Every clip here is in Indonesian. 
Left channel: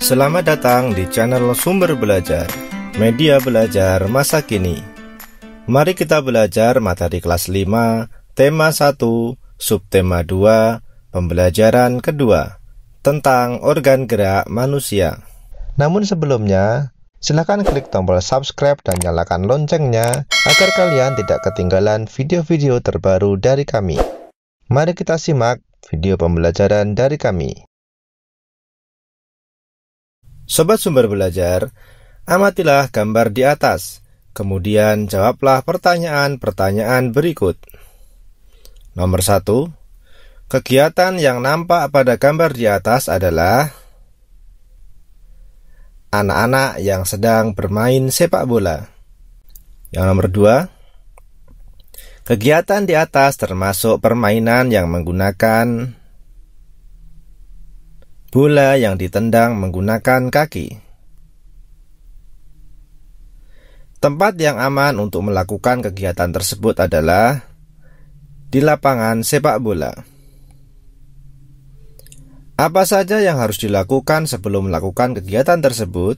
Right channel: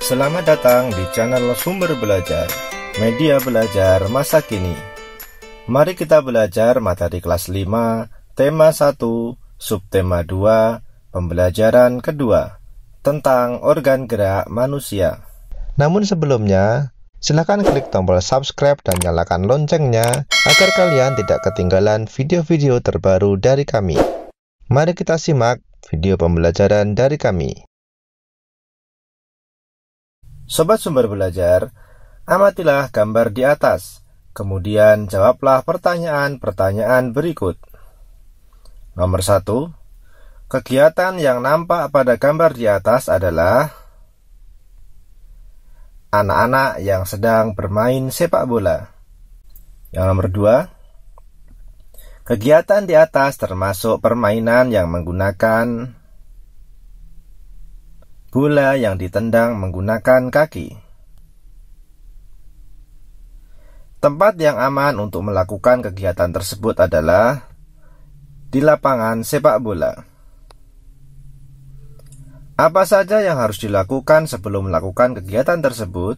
Selamat datang di channel Sumber Belajar, media belajar masa kini. Mari kita belajar materi kelas 5, tema 1, subtema 2, pembelajaran kedua, tentang organ gerak manusia. Namun sebelumnya, silakan klik tombol subscribe dan nyalakan loncengnya agar kalian tidak ketinggalan video-video terbaru dari kami. Mari kita simak video pembelajaran dari kami. Sobat Sumber Belajar, amatilah gambar di atas, kemudian jawablah pertanyaan-pertanyaan berikut. Nomor 1, kegiatan yang nampak pada gambar di atas adalah anak-anak yang sedang bermain sepak bola. Yang nomor 2, kegiatan di atas termasuk permainan yang menggunakan bola yang ditendang menggunakan kaki. Tempat yang aman untuk melakukan kegiatan tersebut adalah di lapangan sepak bola. Apa saja yang harus dilakukan sebelum melakukan kegiatan tersebut?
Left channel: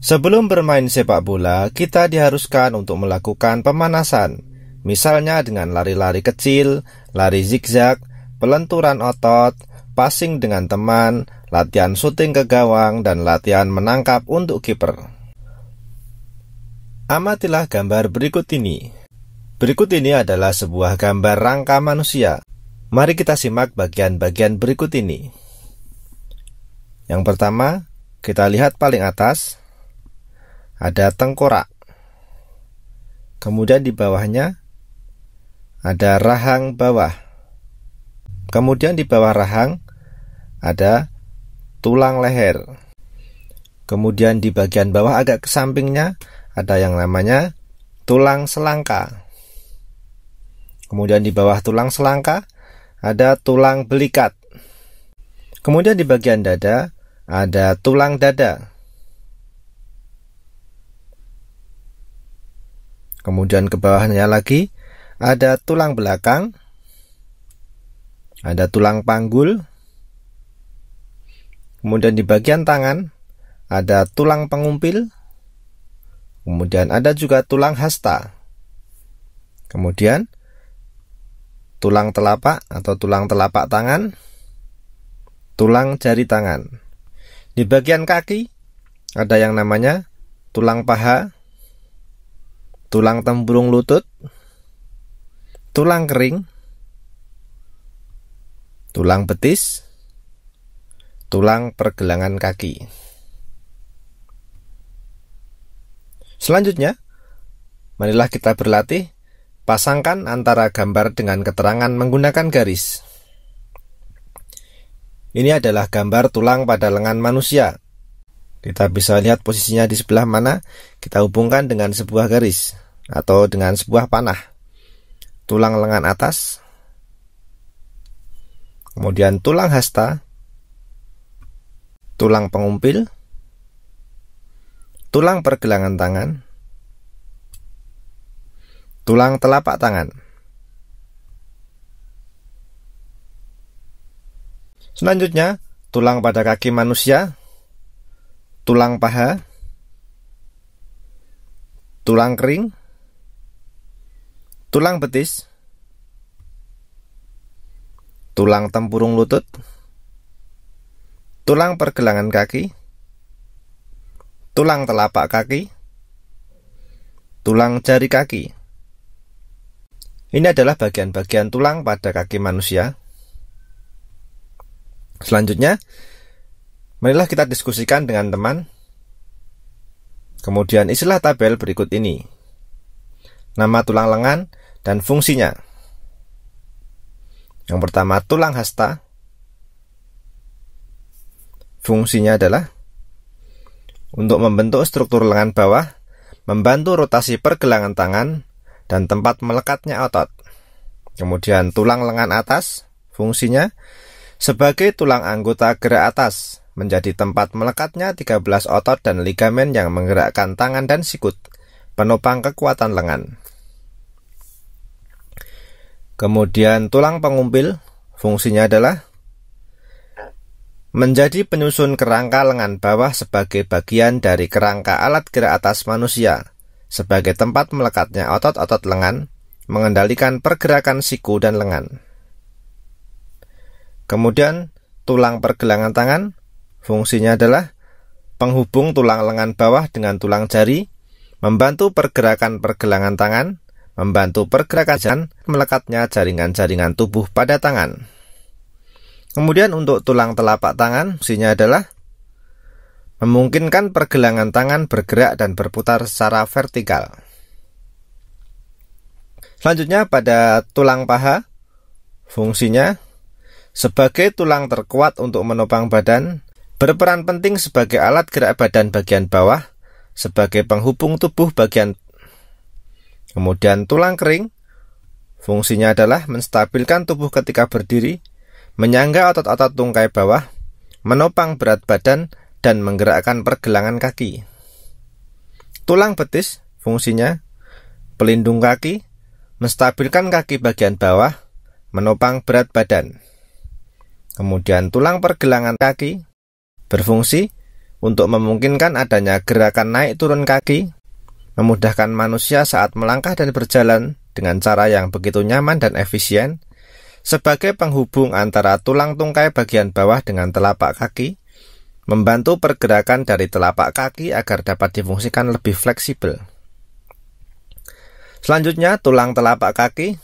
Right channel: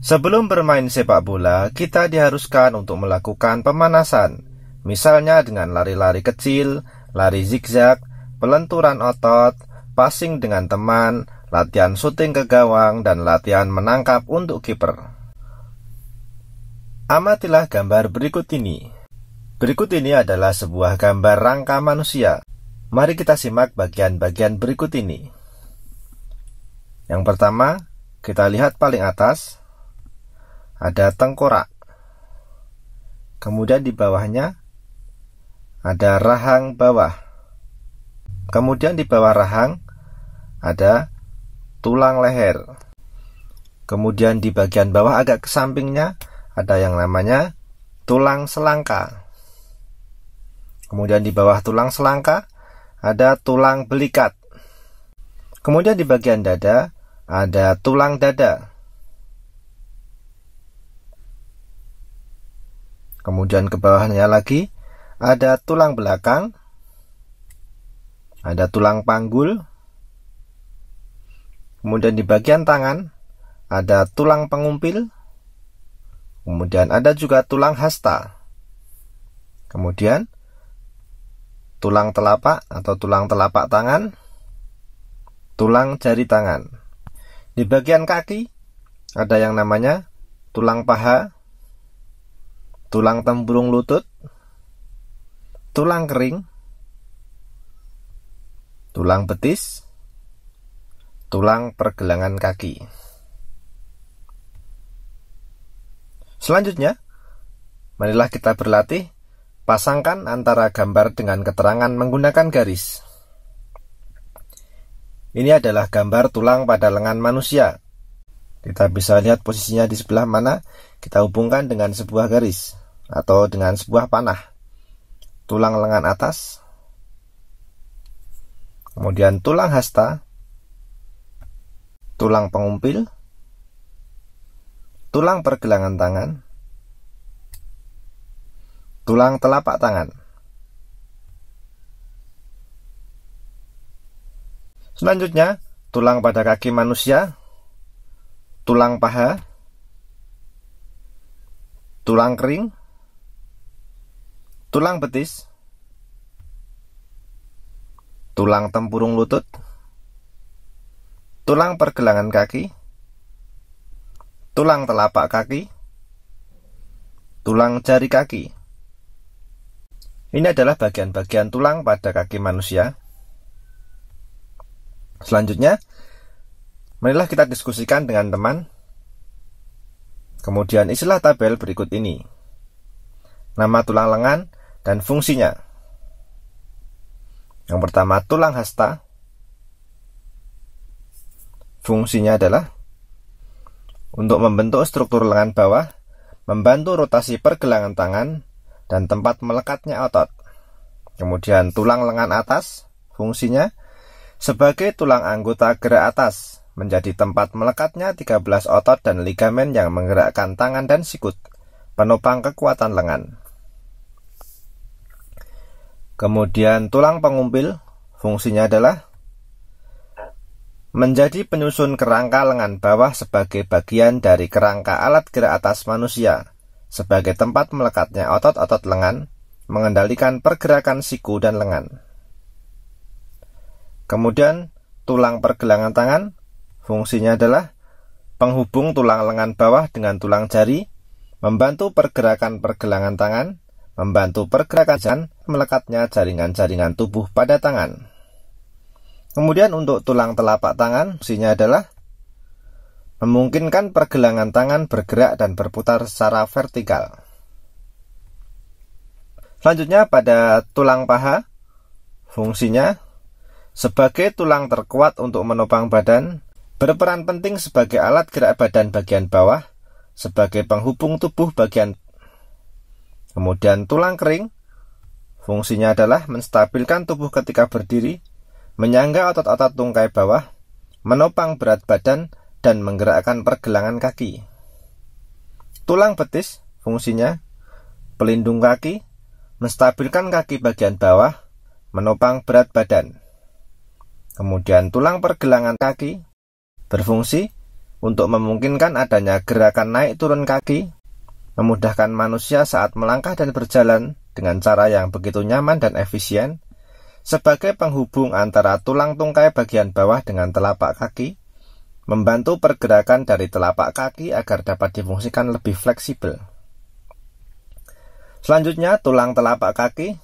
Sebelum bermain sepak bola, kita diharuskan untuk melakukan pemanasan, misalnya dengan lari-lari kecil, lari zigzag, pelenturan otot, passing dengan teman, latihan syuting ke gawang, dan latihan menangkap untuk kiper. Amatilah gambar berikut ini. Berikut ini adalah sebuah gambar rangka manusia. Mari kita simak bagian-bagian berikut ini. Yang pertama, kita lihat paling atas, ada tengkorak. Kemudian di bawahnya ada rahang bawah. Kemudian di bawah rahang ada tulang leher. Kemudian di bagian bawah agak ke sampingnya ada yang namanya tulang selangka. Kemudian di bawah tulang selangka ada tulang belikat. Kemudian di bagian dada ada tulang dada. Kemudian ke bawahnya lagi ada tulang belakang. Ada tulang panggul. Kemudian di bagian tangan ada tulang pengumpil. Kemudian ada juga tulang hasta. Kemudian tulang telapak atau tulang telapak tangan, tulang jari tangan. Di bagian kaki ada yang namanya tulang paha, tulang tempurung lutut, tulang kering, tulang betis, tulang pergelangan kaki. Selanjutnya, marilah kita berlatih pasangkan antara gambar dengan keterangan menggunakan garis. Ini adalah gambar tulang pada lengan manusia. Kita bisa lihat posisinya di sebelah mana. Kita hubungkan dengan sebuah garis atau dengan sebuah panah. Tulang lengan atas, kemudian tulang hasta, tulang pengumpil, tulang pergelangan tangan, tulang telapak tangan. Selanjutnya, tulang pada kaki manusia, tulang paha, tulang kering, tulang betis, tulang tempurung lutut, tulang pergelangan kaki, tulang telapak kaki, tulang jari kaki. Ini adalah bagian-bagian tulang pada kaki manusia. Selanjutnya, marilah kita diskusikan dengan teman. Kemudian isilah tabel berikut ini. Nama tulang lengan dan fungsinya. Yang pertama, tulang hasta. Fungsinya adalah untuk membentuk struktur lengan bawah, membantu rotasi pergelangan tangan, dan tempat melekatnya otot. Kemudian tulang lengan atas, fungsinya sebagai tulang anggota gerak atas, menjadi tempat melekatnya 13 otot dan ligamen yang menggerakkan tangan dan sikut, penopang kekuatan lengan. Kemudian tulang pengumpil, fungsinya adalah menjadi penyusun kerangka lengan bawah sebagai bagian dari kerangka alat gerak atas manusia, sebagai tempat melekatnya otot-otot lengan, mengendalikan pergerakan siku dan lengan. Kemudian, tulang pergelangan tangan, fungsinya adalah penghubung tulang lengan bawah dengan tulang jari, membantu pergerakan pergelangan tangan, membantu pergerakan jalan, melekatnya jaringan-jaringan tubuh pada tangan. Kemudian untuk tulang telapak tangan, fungsinya adalah memungkinkan pergelangan tangan bergerak dan berputar secara vertikal. Selanjutnya pada tulang paha, fungsinya sebagai tulang terkuat untuk menopang badan, berperan penting sebagai alat gerak badan bagian bawah, sebagai penghubung tubuh bagian. Kemudian tulang kering, fungsinya adalah menstabilkan tubuh ketika berdiri, menyangga otot-otot tungkai bawah, menopang berat badan, dan menggerakkan pergelangan kaki. Tulang betis, fungsinya pelindung kaki, menstabilkan kaki bagian bawah, menopang berat badan. Kemudian tulang pergelangan kaki berfungsi untuk memungkinkan adanya gerakan naik turun kaki, memudahkan manusia saat melangkah dan berjalan dengan cara yang begitu nyaman dan efisien, sebagai penghubung antara tulang tungkai bagian bawah dengan telapak kaki, membantu pergerakan dari telapak kaki agar dapat difungsikan lebih fleksibel. Selanjutnya, tulang telapak kaki,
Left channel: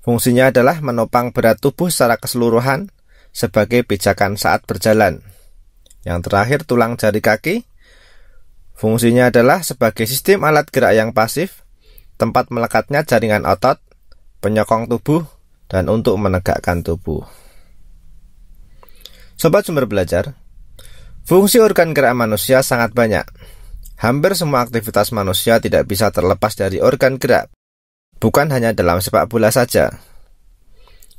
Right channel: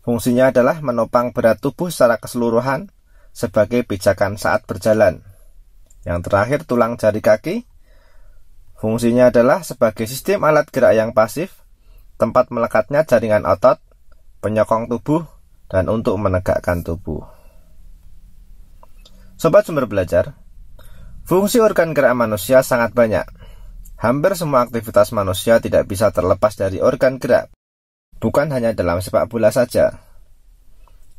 fungsinya adalah menopang berat tubuh secara keseluruhan sebagai pijakan saat berjalan. Yang terakhir, tulang jari kaki, fungsinya adalah sebagai sistem alat gerak yang pasif, tempat melekatnya jaringan otot, penyokong tubuh, dan untuk menegakkan tubuh. Sobat Sumber Belajar, fungsi organ gerak manusia sangat banyak. Hampir semua aktivitas manusia tidak bisa terlepas dari organ gerak, bukan hanya dalam sepak bola saja.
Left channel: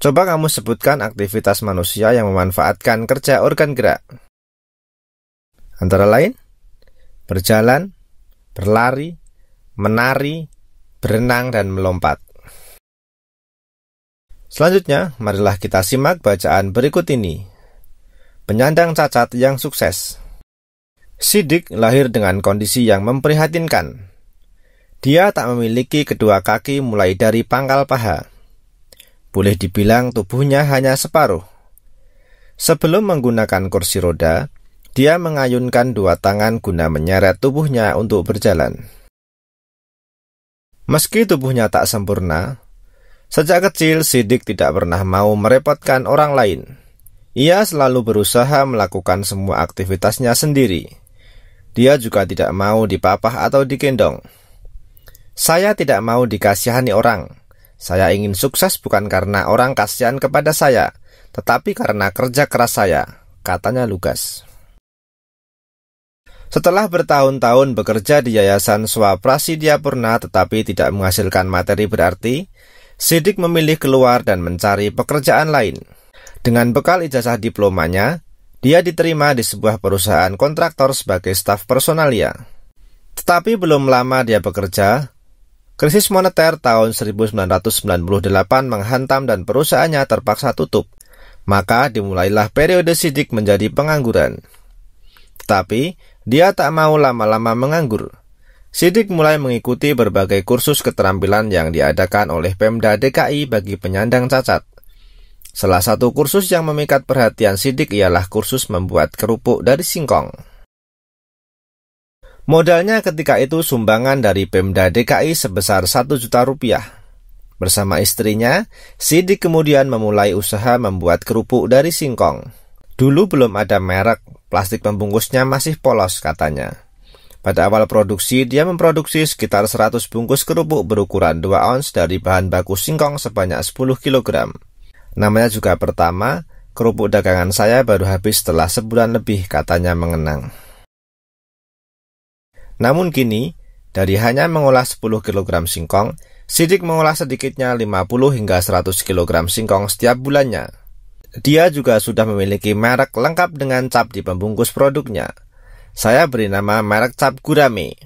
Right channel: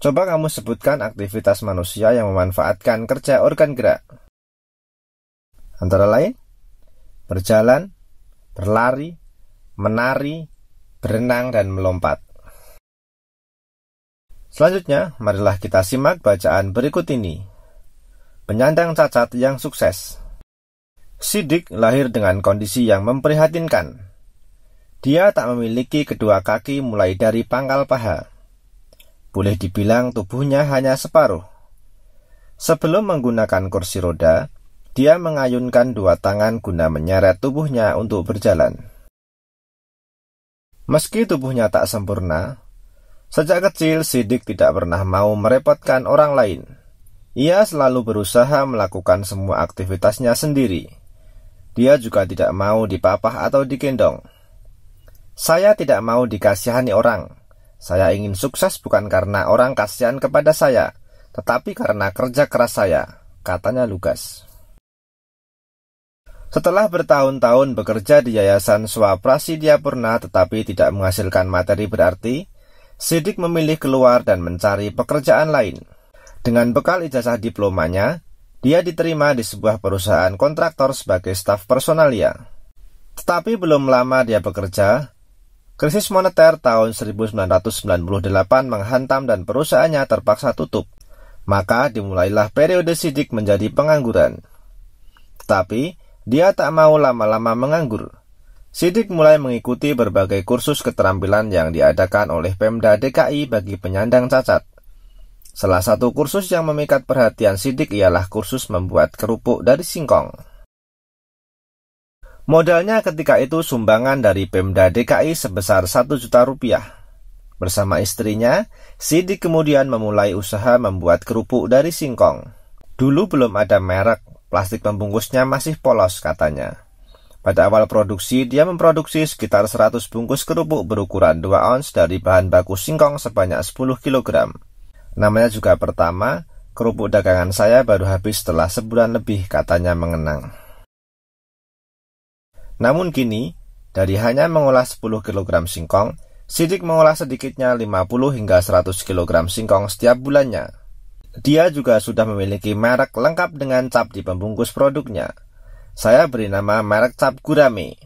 Coba kamu sebutkan aktivitas manusia yang memanfaatkan kerja organ gerak. Antara lain, berjalan, berlari, menari, berenang, dan melompat. Selanjutnya, marilah kita simak bacaan berikut ini. Penyandang cacat yang sukses. Sidik lahir dengan kondisi yang memprihatinkan. Dia tak memiliki kedua kaki mulai dari pangkal paha. Boleh dibilang tubuhnya hanya separuh. Sebelum menggunakan kursi roda, dia mengayunkan dua tangan guna menyeret tubuhnya untuk berjalan. Meski tubuhnya tak sempurna, sejak kecil Sidik tidak pernah mau merepotkan orang lain. Ia selalu berusaha melakukan semua aktivitasnya sendiri. Dia juga tidak mau dipapah atau digendong. Saya tidak mau dikasihani orang. Saya ingin sukses bukan karena orang kasihan kepada saya, tetapi karena kerja keras saya, katanya Lugas. Setelah bertahun-tahun bekerja di Yayasan Swaprasidya Purna tetapi tidak menghasilkan materi berarti, Sidik memilih keluar dan mencari pekerjaan lain. Dengan bekal ijazah diplomanya, dia diterima di sebuah perusahaan kontraktor sebagai staf personalia. Tetapi belum lama dia bekerja, krisis moneter tahun 1998 menghantam dan perusahaannya terpaksa tutup. Maka dimulailah periode Sidik menjadi pengangguran. Tetapi dia tak mau lama-lama menganggur. Sidik mulai mengikuti berbagai kursus keterampilan yang diadakan oleh Pemda DKI bagi penyandang cacat. Salah satu kursus yang memikat perhatian Sidik ialah kursus membuat kerupuk dari singkong. Modalnya ketika itu sumbangan dari Pemda DKI sebesar 1 juta rupiah. Bersama istrinya, Sidik kemudian memulai usaha membuat kerupuk dari singkong. Dulu belum ada merek, plastik pembungkusnya masih polos katanya. Pada awal produksi, dia memproduksi sekitar 100 bungkus kerupuk berukuran 2 ons dari bahan baku singkong sebanyak 10 kg. Namanya juga pertama, kerupuk dagangan saya baru habis setelah sebulan lebih, katanya mengenang. Namun kini, dari hanya mengolah 10 kg singkong, Sidik mengolah sedikitnya 50 hingga 100 kg singkong setiap bulannya. Dia juga sudah memiliki merek lengkap dengan cap di pembungkus produknya. Saya beri nama merek cap gurame.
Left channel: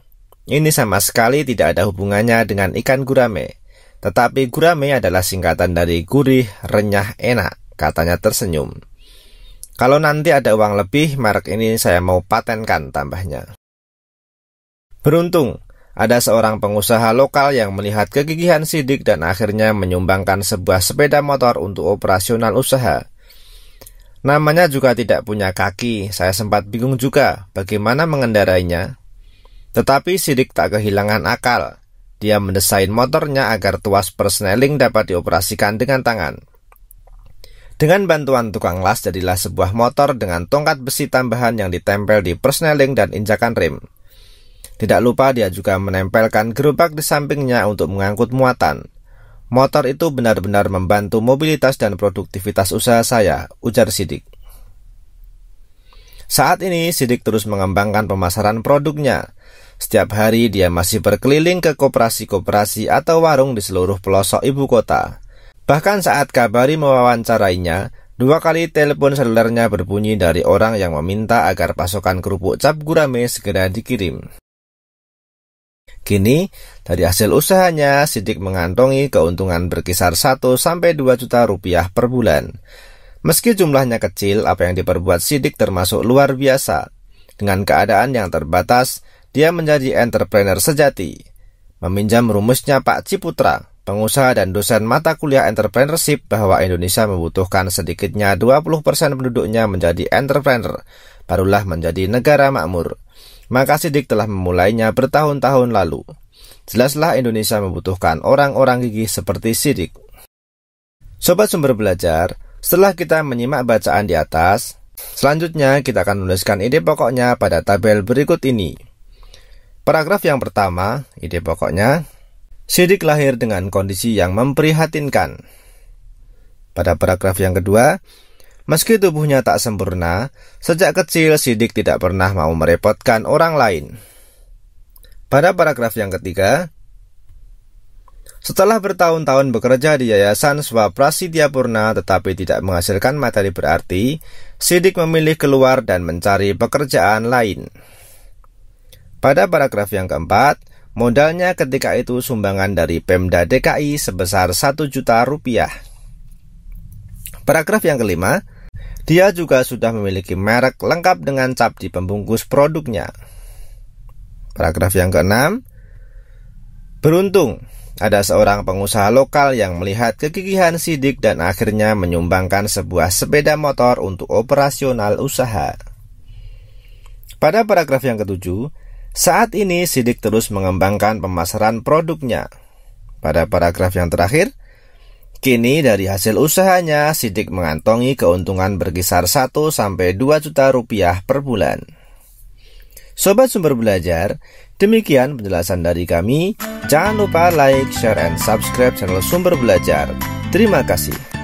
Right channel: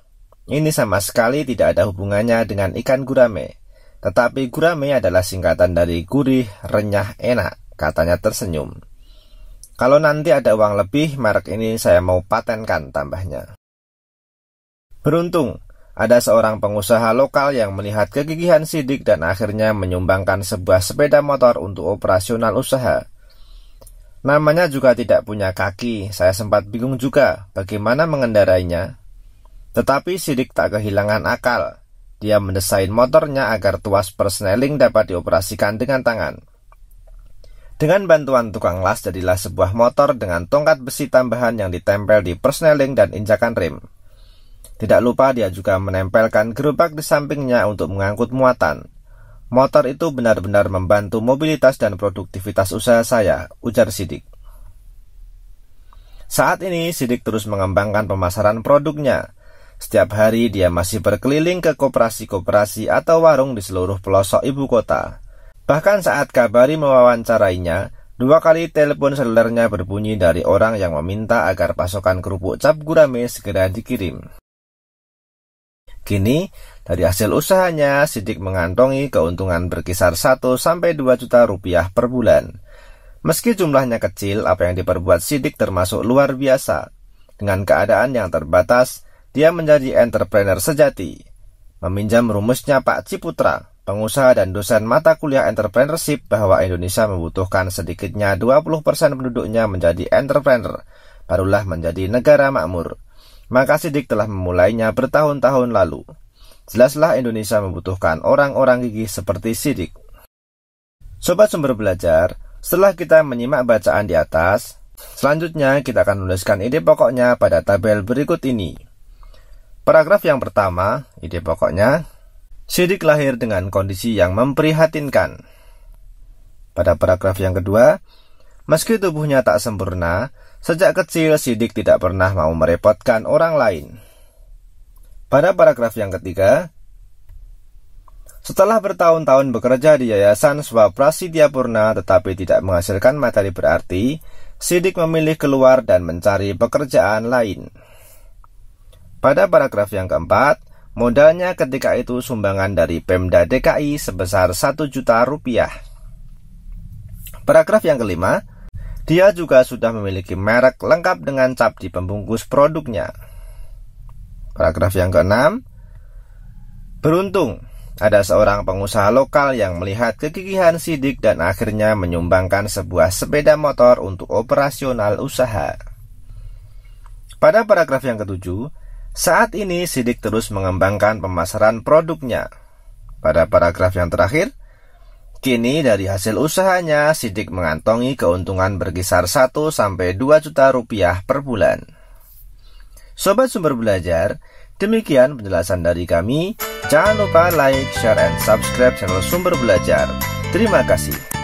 Ini sama sekali tidak ada hubungannya dengan ikan gurame. Tetapi gurame adalah singkatan dari gurih, renyah, enak, katanya tersenyum. Kalau nanti ada uang lebih, merek ini saya mau patenkan, tambahnya. Beruntung, ada seorang pengusaha lokal yang melihat kegigihan Sidik dan akhirnya menyumbangkan sebuah sepeda motor untuk operasional usaha. Namanya juga tidak punya kaki, saya sempat bingung juga bagaimana mengendarainya. Tetapi Sidik tak kehilangan akal. Dia mendesain motornya agar tuas persneling dapat dioperasikan dengan tangan. Dengan bantuan tukang las, jadilah sebuah motor dengan tongkat besi tambahan yang ditempel di persneling dan injakan rem. Tidak lupa dia juga menempelkan gerobak di sampingnya untuk mengangkut muatan. Motor itu benar-benar membantu mobilitas dan produktivitas usaha saya, ujar Sidik. Saat ini Sidik terus mengembangkan pemasaran produknya. Setiap hari dia masih berkeliling ke koperasi-koperasi atau warung di seluruh pelosok ibu kota. Bahkan saat Kabari mewawancarainya, 2 kali telepon selulernya berbunyi dari orang yang meminta agar pasokan kerupuk cap gurame segera dikirim. Kini, dari hasil usahanya, Sidik mengantongi keuntungan berkisar 1-2 juta rupiah per bulan. Meski jumlahnya kecil, apa yang diperbuat Sidik termasuk luar biasa. Dengan keadaan yang terbatas, dia menjadi entrepreneur sejati. Meminjam rumusnya Pak Ciputra, pengusaha dan dosen mata kuliah entrepreneurship, bahwa Indonesia membutuhkan sedikitnya 20% penduduknya menjadi entrepreneur, barulah menjadi negara makmur. Maka Sidik telah memulainya bertahun-tahun lalu. Jelaslah Indonesia membutuhkan orang-orang gigih seperti Sidik. Sobat Sumber Belajar, setelah kita menyimak bacaan di atas, selanjutnya kita akan menuliskan ide pokoknya pada tabel berikut ini. Paragraf yang pertama, ide pokoknya, Sidik lahir dengan kondisi yang memprihatinkan. Pada paragraf yang kedua, meski tubuhnya tak sempurna, sejak kecil Sidik tidak pernah mau merepotkan orang lain. Pada paragraf yang ketiga, setelah bertahun-tahun bekerja di Yayasan Swaprasidya Purna tetapi tidak menghasilkan materi berarti, Sidik memilih keluar dan mencari pekerjaan lain. Pada paragraf yang keempat, modalnya ketika itu sumbangan dari Pemda DKI sebesar 1 juta rupiah. Paragraf yang kelima, dia juga sudah memiliki merek lengkap dengan cap di pembungkus produknya. Paragraf yang keenam, beruntung ada seorang pengusaha lokal yang melihat kegigihan Sidik dan akhirnya menyumbangkan sebuah sepeda motor untuk operasional usaha. Pada paragraf yang ketujuh, saat ini Sidik terus mengembangkan pemasaran produknya. Pada paragraf yang terakhir, kini dari hasil usahanya Sidik mengantongi keuntungan berkisar 1-2 juta rupiah per bulan. Sobat Sumber Belajar, demikian penjelasan dari kami. Jangan lupa like, share, and subscribe channel Sumber Belajar. Terima kasih.